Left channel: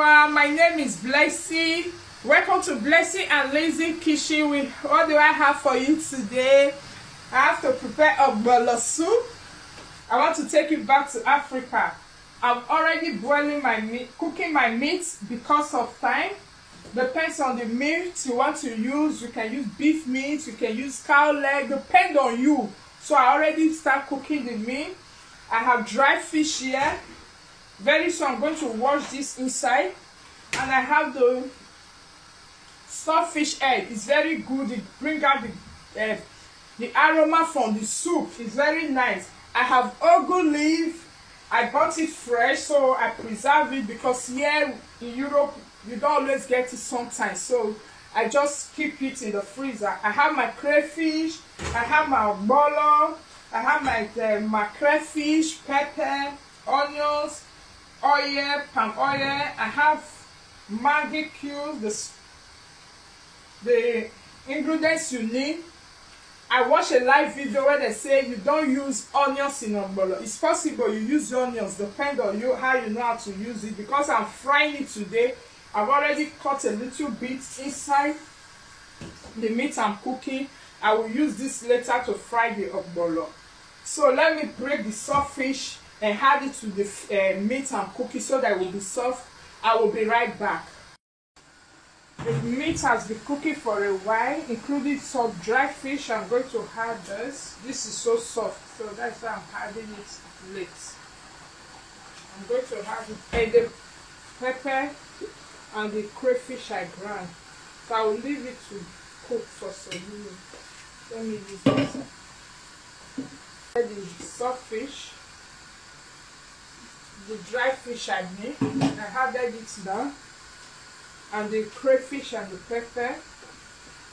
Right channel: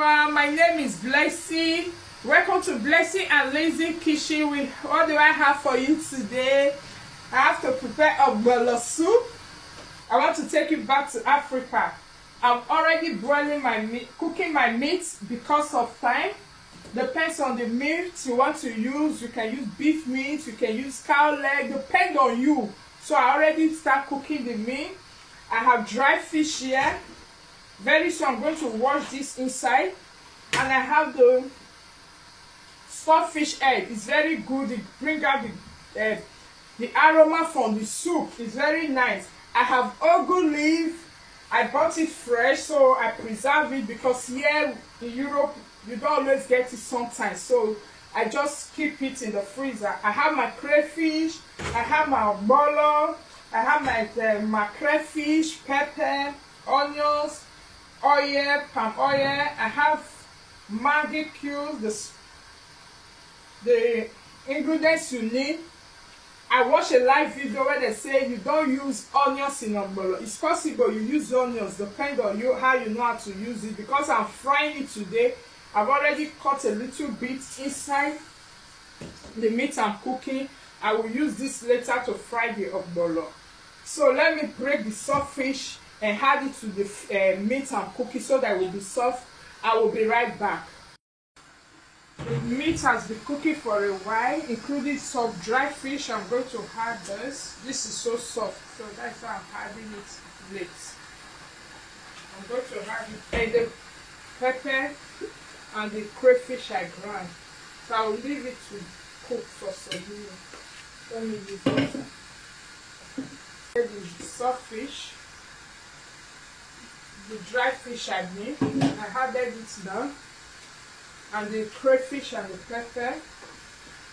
everyone, my name is Blessing. Welcome to Blessing and Lazy Kitchen. What do I have for you today? I have to prepare ogbono soup. I want to take you back to Africa. I'm already boiling my meat, cooking my meat because of time. Depends on the meat you want to use. You can use beef meat, you can use cow leg, depend on you. So I already start cooking the meat. I have dry fish here. Very soon I'm going to wash this inside. And I have the stockfish egg. It's very good. It brings out the aroma from the soup. It's very nice. I have ugu leaf. I bought it fresh, so I preserve it because here in Europe you don't always get it sometimes. So I just keep it in the freezer. I have my crayfish. I have my ogbono. I have my crayfish, pepper, onions, oil, palm oil. I have Maggi cubes, the ingredients you need. I watched a live video where they say you don't use onions in ogbono. It's possible you use onions, depend on you how you know how to use it. Because I'm frying it today, I've already cut a little bit inside the meat I'm cooking. I will use this later to fry the ogbono. So let me break the soft fish and add it to the meat I'm cooking so that it will be soft. I will be right back. The meat has been cooking for a while, including soft dry fish. I'm going to add this. This is so soft, so that's why I'm adding it late. I'm going to add it and the pepper and the crayfish I ground. So I will leave it to cook for some minutes. Let me use this. The soft fish, the dry fish I made. I have it done. And the crayfish and the pepper.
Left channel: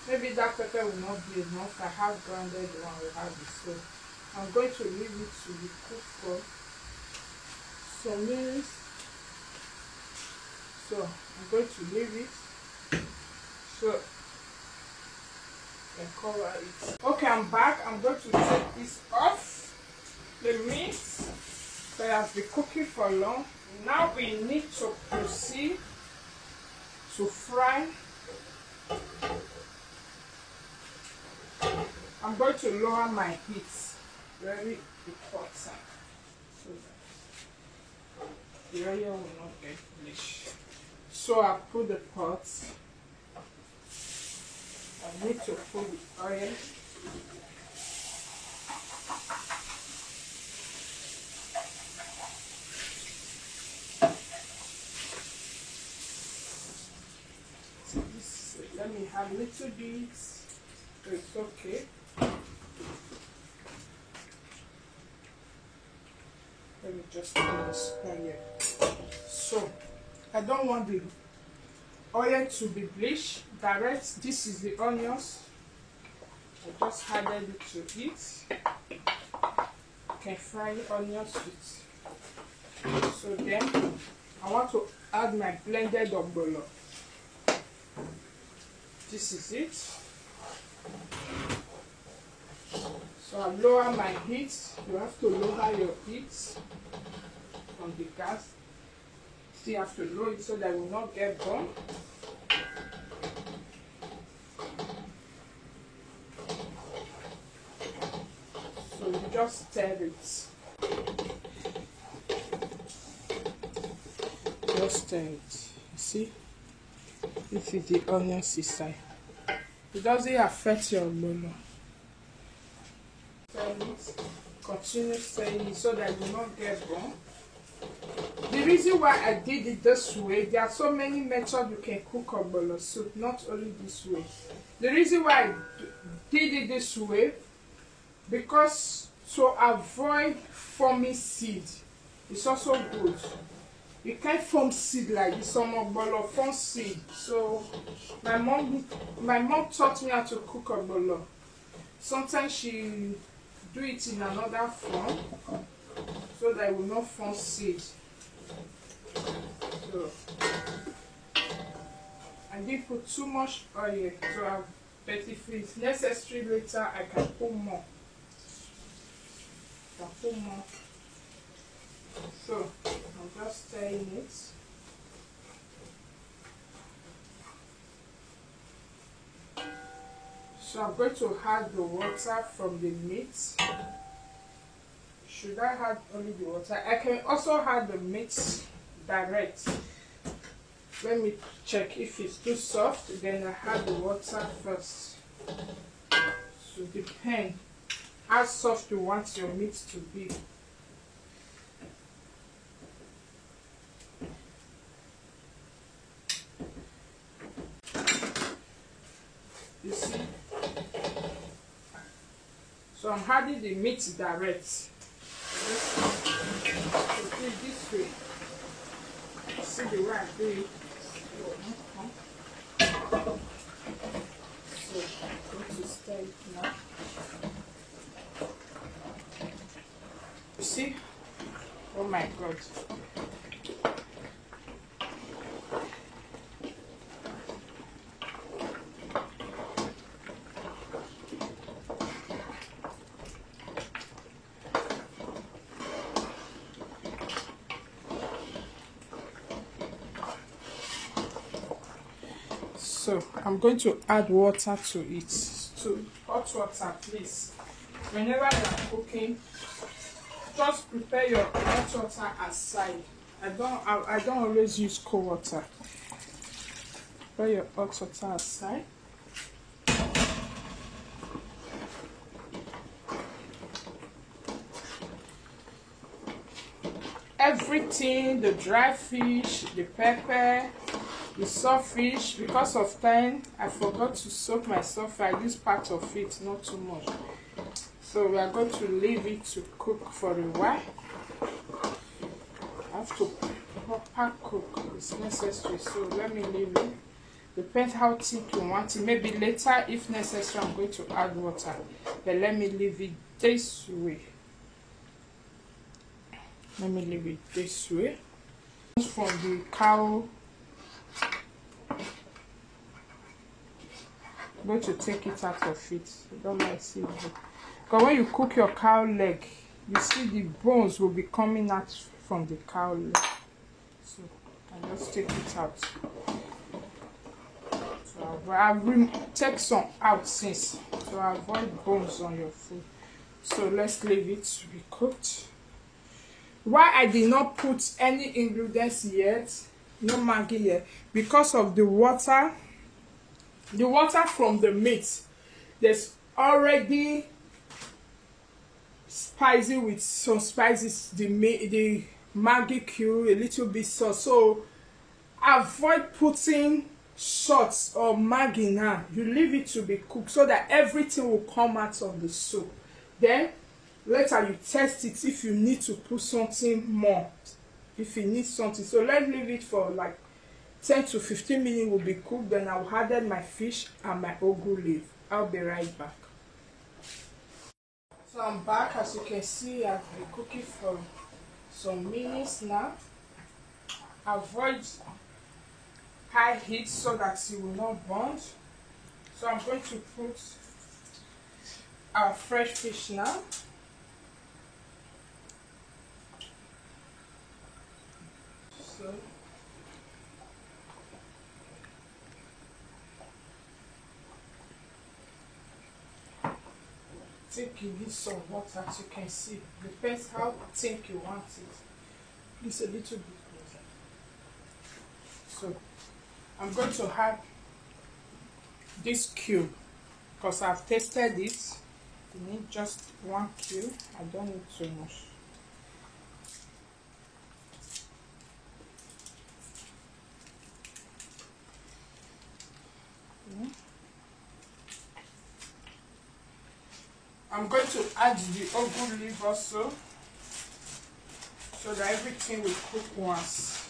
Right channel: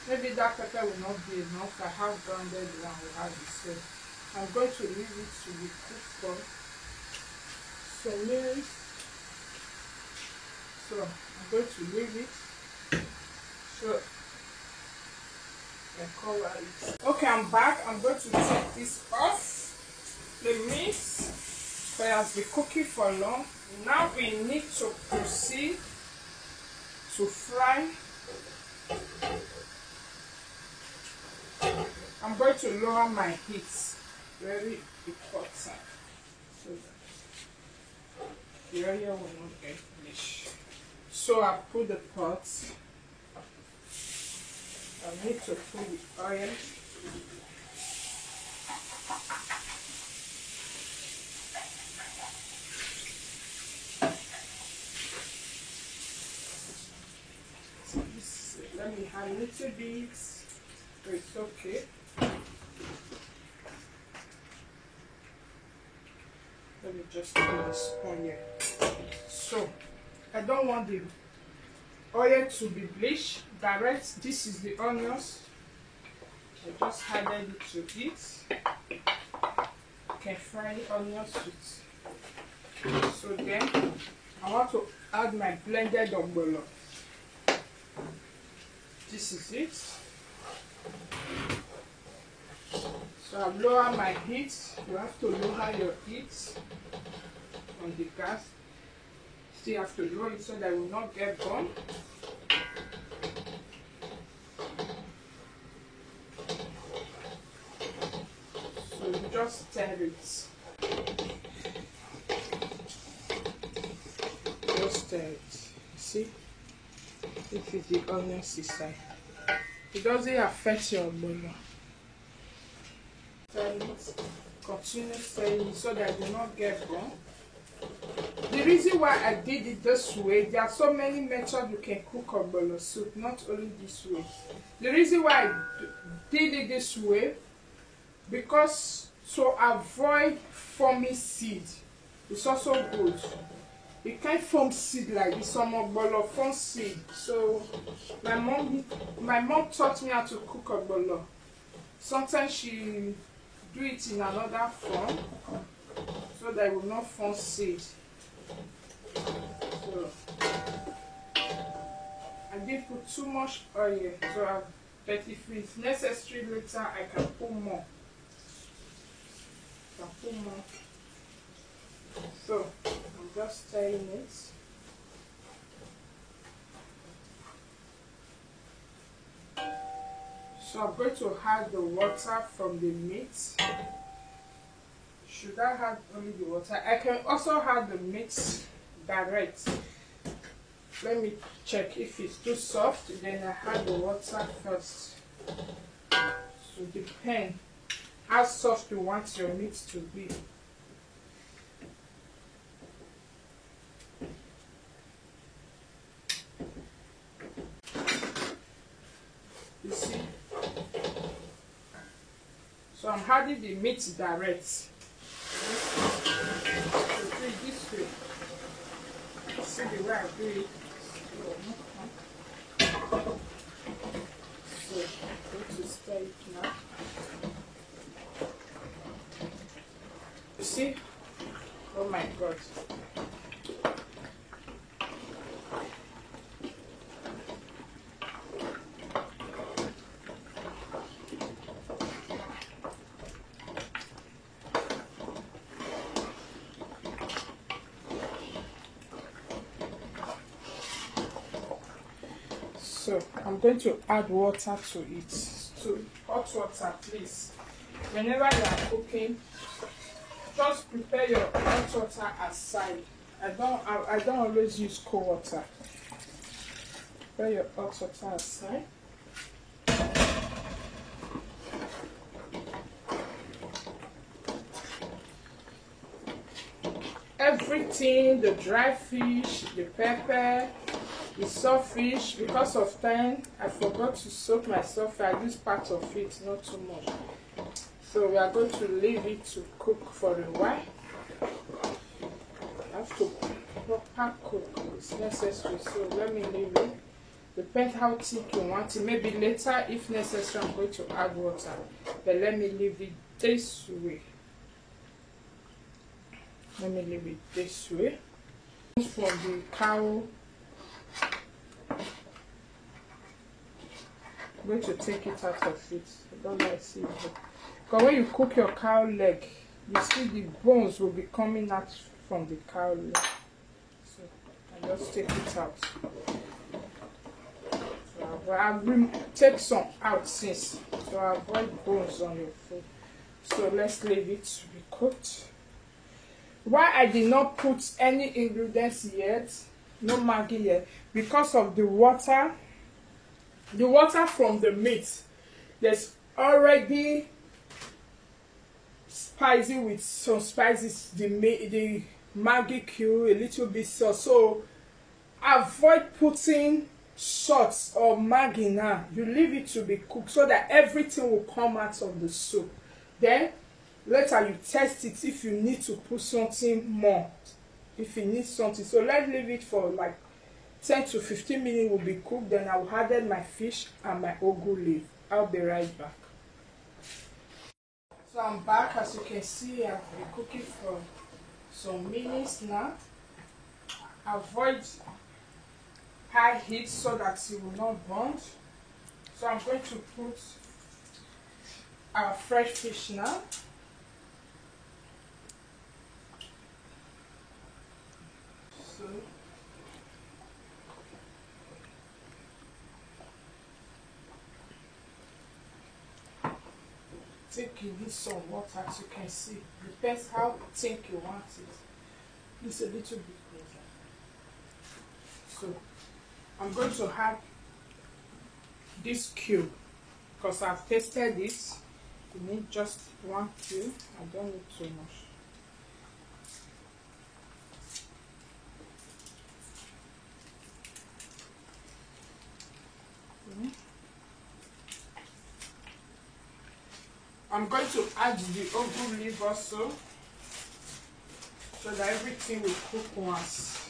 Maybe that pepper will not be enough. I have grounded one we have it. So I'm going to leave it to be cooked for some minutes. So I'm going to leave it. So I cover it. Okay, I'm back. I'm going to take this off. The meat that has been cooking for long. Now we need to proceed to fry. I'm going to lower my heat, very important, so that the oil will not get bleached. So I put the pot. I need to put the oil. Let me have a little bit. It's okay. Let me just put the spoon here. So I don't want the oil to be bleached. Direct. This is the onions. I just added it to it. You can fry the onions with. So then I want to add my blended ogbono. This is it. So I've lowered my heat. You have to lower your heat on the gas. Still have to lower it so that it will not get burned. So you just stir it. Just stir it. You see? This is the onion inside. It doesn't affect your ogbono. Continue stirring it so that it will not get burnt. The reason why I did it this way, there are so many methods you can cook ogbono soup, not only this way. The reason why I did it this way, because to avoid forming seed, it's also good. You can't form seed like this. Some ogbono form seed. So my mom taught me how to cook ogbono. Sometimes she do it in another form so that it will not form seed. So I didn't put too much oil, but if it's necessary later, I can put more. So I'm just stirring it. So I'm going to add the water from the meat. Should I add only the water? I can also add the meat direct. Let me check. If it's too soft, then I add the water first. So depend how soft you want your meat to be. You see? So I'm adding the meat direct. So do it this way. See the way I do it. So I'm going to stir it now. You see? Oh my God. So I'm going to add water to it. So hot water, please. Whenever you are cooking, just prepare your hot water aside. I don't always use cold water. Prepare your hot water aside. Everything, the dry fish, the pepper, the saltfish, because of time, I forgot to soak my saltfish. I use part of it, not too much. So we are going to leave it to cook for a while. I have to proper cook, it's necessary. So let me leave it. Depends how thick you want it. Maybe later, if necessary, I'm going to add water. But let me leave it this way. Let me leave it this way. From the cow, I'm going to take it out of it. I don't like seeing it. Because when you cook your cow leg, you see the bones will be coming out from the cow leg. So I just take it out. So I've take some out since, so avoid bones on your food. So let's leave it to be cooked. Why I did not put any ingredients yet, no Maggi yet, because of the water from the meat. There's already spicy with some spices, the Maggi cube, a little bit sauce. So avoid putting salt or Maggi now. You leave it to be cooked so that everything will come out of the soup. Then later you test it if you need to put something more, if you need something. So let's leave it for like 10 to 15 minutes will be cooked. Then I'll add my fish and my ugu leaf. I'll be right back. So I'm back. As you can see, I've been cooking for some minutes now. Avoid high heat so that it will not burn. So I'm going to put our fresh fish now. So take you need some water, as you can see. Depends how thick you want it. It's a little bit closer. So I'm going to add this cube because I've tasted it. You need just one cube. I don't need too much. I'm going to add the ugu leaf also so that everything will cook once.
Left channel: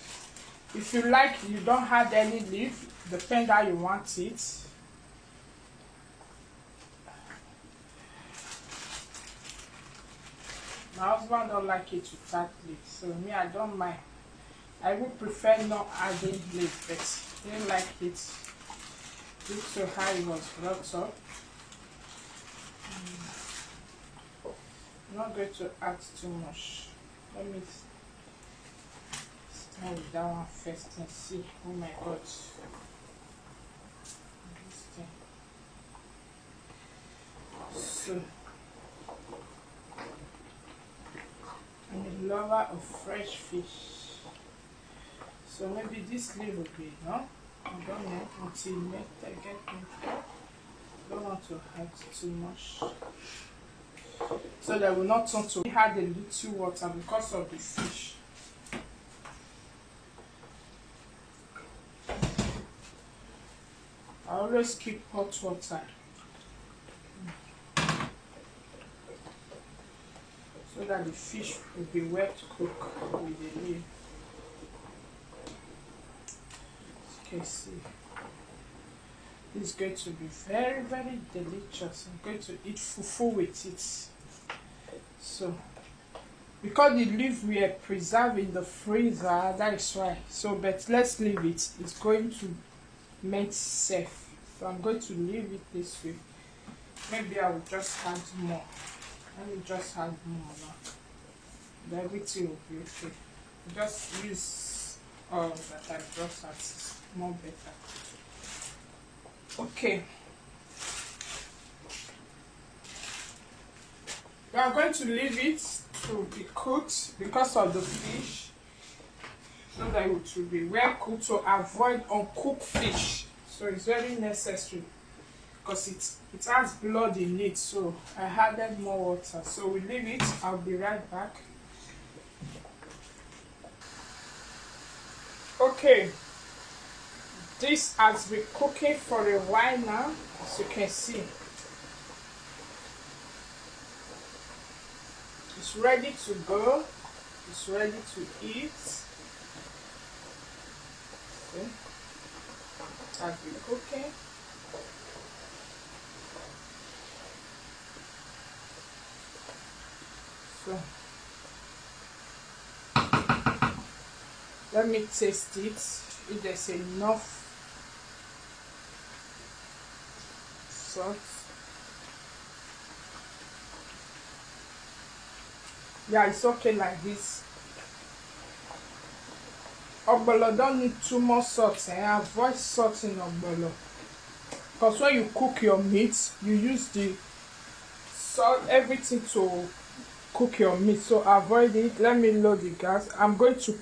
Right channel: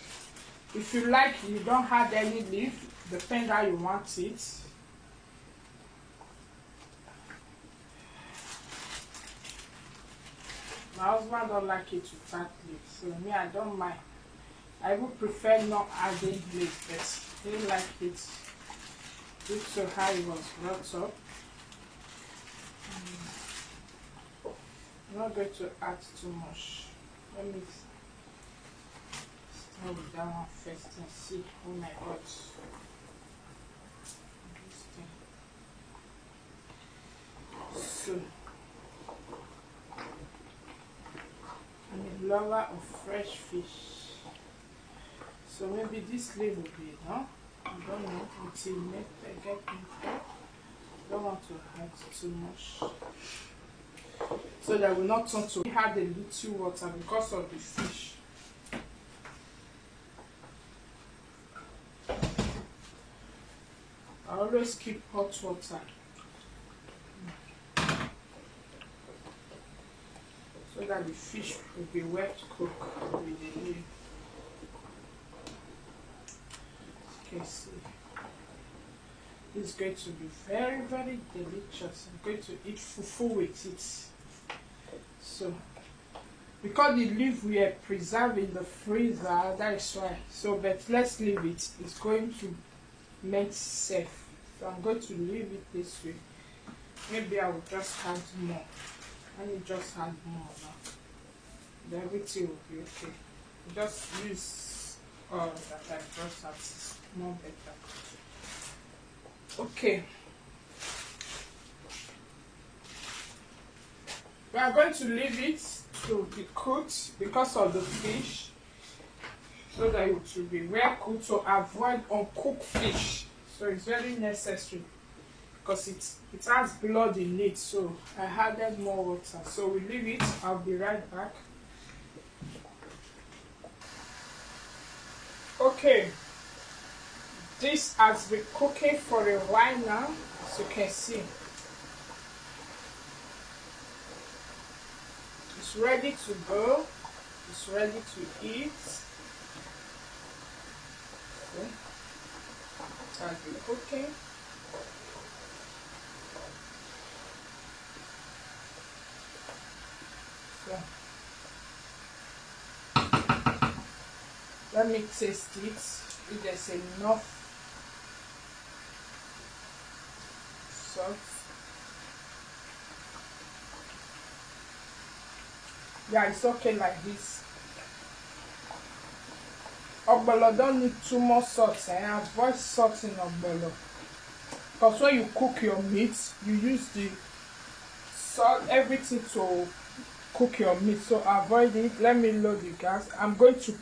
If you like, you don't add any leaf, depend how you want it. My husband don't like it to add leaf, so me, I don't mind. I would prefer not adding leaf, but he like it due to how it was brought up. I'm not going to add too much. Let me start with that one first and see. Oh my God. This thing. So I'm a lover of fresh fish. So maybe this leaf will be enough. I don't know until I get into. I don't want to add too much. So that will not turn to add a little water because of the fish. I always keep hot water so that the fish will be wet cooked with the leaf. Okay, see. This is going to be very, very delicious. I'm going to eat fufu with it. So, because the leaf we are preserved in the freezer, that is why. So, but let's leave it. It's going to make safe. So, I'm going to leave it this way. Maybe I will just add more. Let me just add more now. Then everything will be okay. Just use all that I just had. It's more better. Okay. We are going to leave it to be cooked because of the fish, so that it will be well cooked to avoid uncooked fish. So it's very necessary because it has blood in it. So I added more water. So we leave it. I'll be right back. Okay. This has been cooking for a while now, as you can see. It's ready to go. It's ready to eat. See? It has been cooking. So, let me taste it. If there's enough salt. Yeah, it's okay like this. Ogbolo don't need too much salt, and avoid salt in ogbolo. Because when you cook your meat, you use the salt, everything to cook your meat. So avoid it. Let me load the gas. I'm going to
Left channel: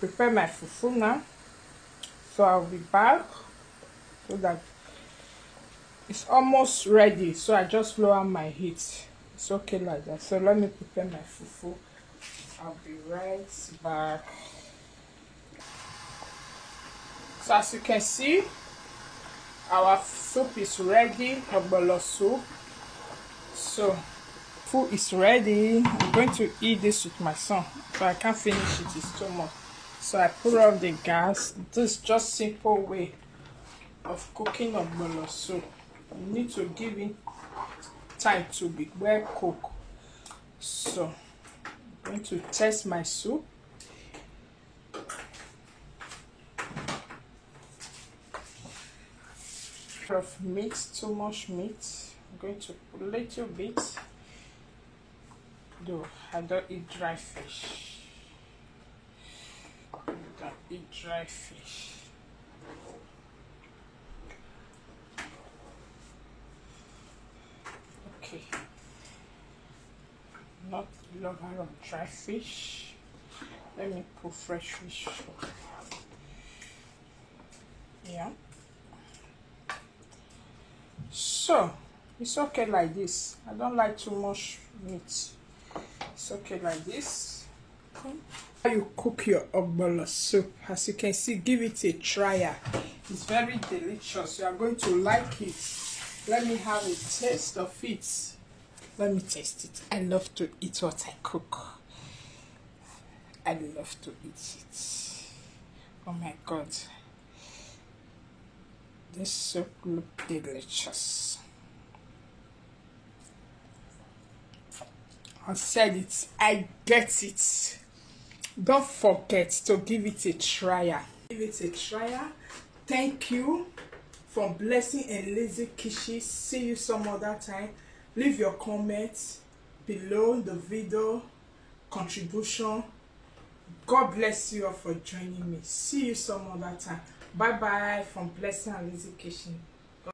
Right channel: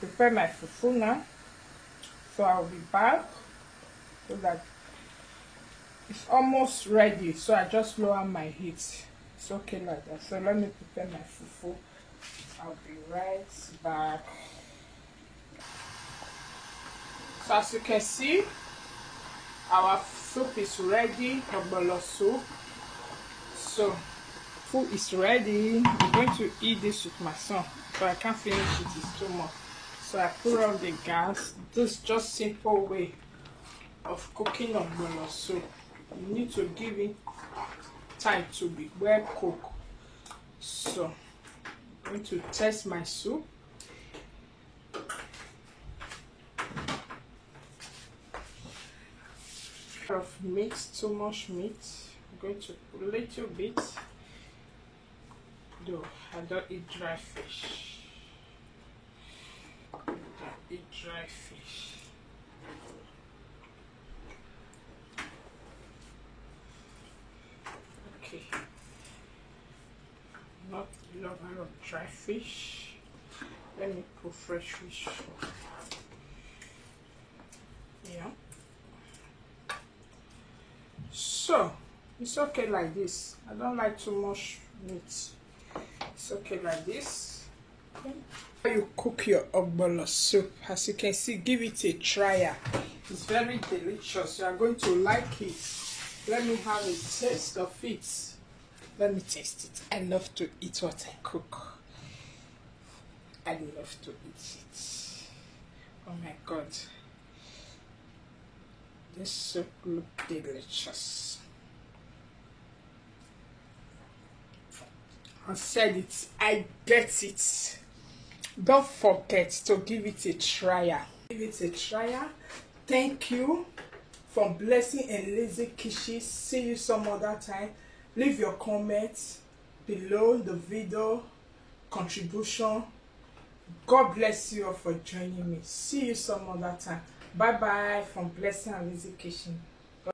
prepare my fufu now. So I'll be back so that it's almost ready. So I just lower my heat. It's okay like that. So let me prepare my fufu. I'll be right back. So as you can see, our soup is ready, ogbolo soup. So food is ready. I'm going to eat this with my son, so I can't finish it. It's too much. So I put on the gas. This is just simple way of cooking ogbolo soup. You need to give it time to be well cooked. So I'm going to test my soup. Of meat, too much meat. I'm going to put a little bit. Though I don't eat dry fish. I don't eat dry fish. Okay. I'm not a lover of dry fish. Let me put fresh fish. Yeah. So it's okay like this. I don't like too much meat. It's okay like this. Okay. How you cook your ogbolo soup? As you can see, give it a try. It's very delicious. You are going to like it. Let me have a taste of it. Let me taste it. I love to eat what I cook. I love to eat it. Oh my God. This soup looks delicious. I said it. I get it. Don't forget to give it a try. Give it a try. Thank you for blessing and lazy kisses. See you some other time. Leave your comments below the video contribution. God bless you all for joining me. See you some other time. Bye bye from Blessing and Lazy Kitchen.